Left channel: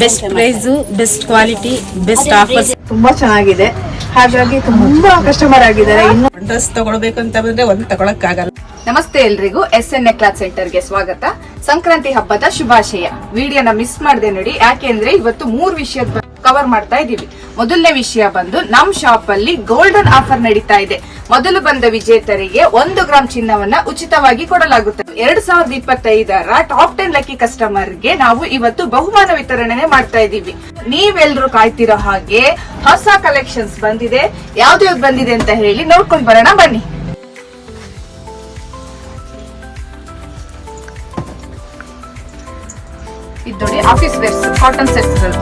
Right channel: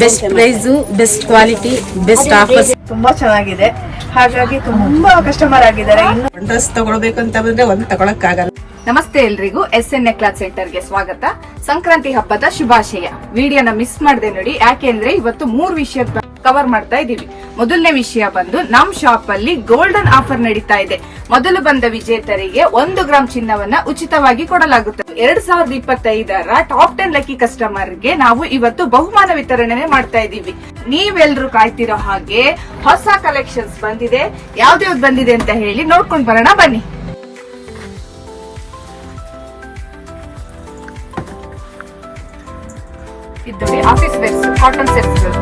Best price, best quality, best offers ತುಂಬಾ ಚೆನ್ನಾಗಿದೆ. ಹಾಗಾಗಿ ತುಂಬಾ ಕಸ್ಟಮರ್ ಆಗಿದ್ದಾರೆ. ಇನ್ನು ಡ್ರೆಸ್ ತಗೊಳ್ಬೇಕು ಅಂತ ಬಂದ್ರೆ ಒಂದು ತಗೊಳಕ್ ಆಗಲ್ಲ. ನಮಸ್ತೆ ಎಲ್ರಿಗೂ, SNA ಕ್ಲಾತ್ ಸೆಂಟರ್ ಗೆ ಸ್ವಾಗತ. ಸಂಕ್ರಾಂತಿ ಹಬ್ಬದ ಶುಭಾಶಯ. ವಿಡಿಯೋನ ಮಿಸ್ ಮಾಡದೆ ನೋಡಿ, ಯಾಕೆಂದ್ರೆ ಇವತ್ತು 3 ವಿಷಯದ ಕವರ್ ಮಾಡ್ತಾ ಇದೀವಿ. ಮೊದಲನೇ ವಿಷಯ ಬಂದು ನಮ್ ಶಾಪ್ ಅಲ್ಲಿ ಗೋಲ್ಡನ್ ಆಫರ್ ನಡೀತಾ ಇದೆ. ಮೊದಲು ಬಂದ ವಿಜೇತರಿಗೆ 1 ಗ್ರಾಮ್ ಚಿನ್ನವನ್ನ ಉಚಿತವಾಗಿ ಕೊಡಲಾಗುತ್ತದೆ. 2025ರ ಟಾಪ್ 10 ಲಕ್ಕಿ ಕಸ್ಟಮರ್ ಗೆ ನಾವು ಇವತ್ತು ಬಹುಮಾನ ವಿತರಣೆ ಮಾಡ್ತಾ ಇದೀವಿ. ನೀವೆಲ್ರೂ ಕಾಯ್ತಿರೋ ಹಾಗೆ ಹೊಸ ಕಲೆಕ್ಷನ್ಸ್ ಬಂದಿದೆ. ಯಾವ್ದು ಬಂದಿದೆ ಅಂತ ಹೇಳಿ ನೋಡ್ಕೊಂಡ್ ಬರೋಣ ಬನ್ನಿ. ಇದು ನೋಡಿ, ಆಫೀಸ್ ವೇರ್ಸ್ ಕಾಟನ್ ಸೆಟ್ಸ್ ಗಳು.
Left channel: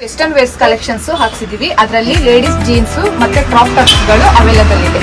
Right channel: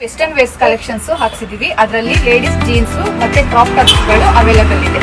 ವೆಸ್ಟರ್ನ್ ವೇರ್ಸ್ ಕಲೆಕ್ಷನ್ಸ್ ಹಾಕ್ಸಿದೀವಿ. ಅದರಲ್ಲಿ ಲೇಡೀಸ್ ಜೀನ್ಸ್ ಮತ್ತೆ ಕ್ರಾಪ್ ಟಾಪ್ಸ್ ಗಳು ಅವೈಲೇಬಲ್ ಇದೆ.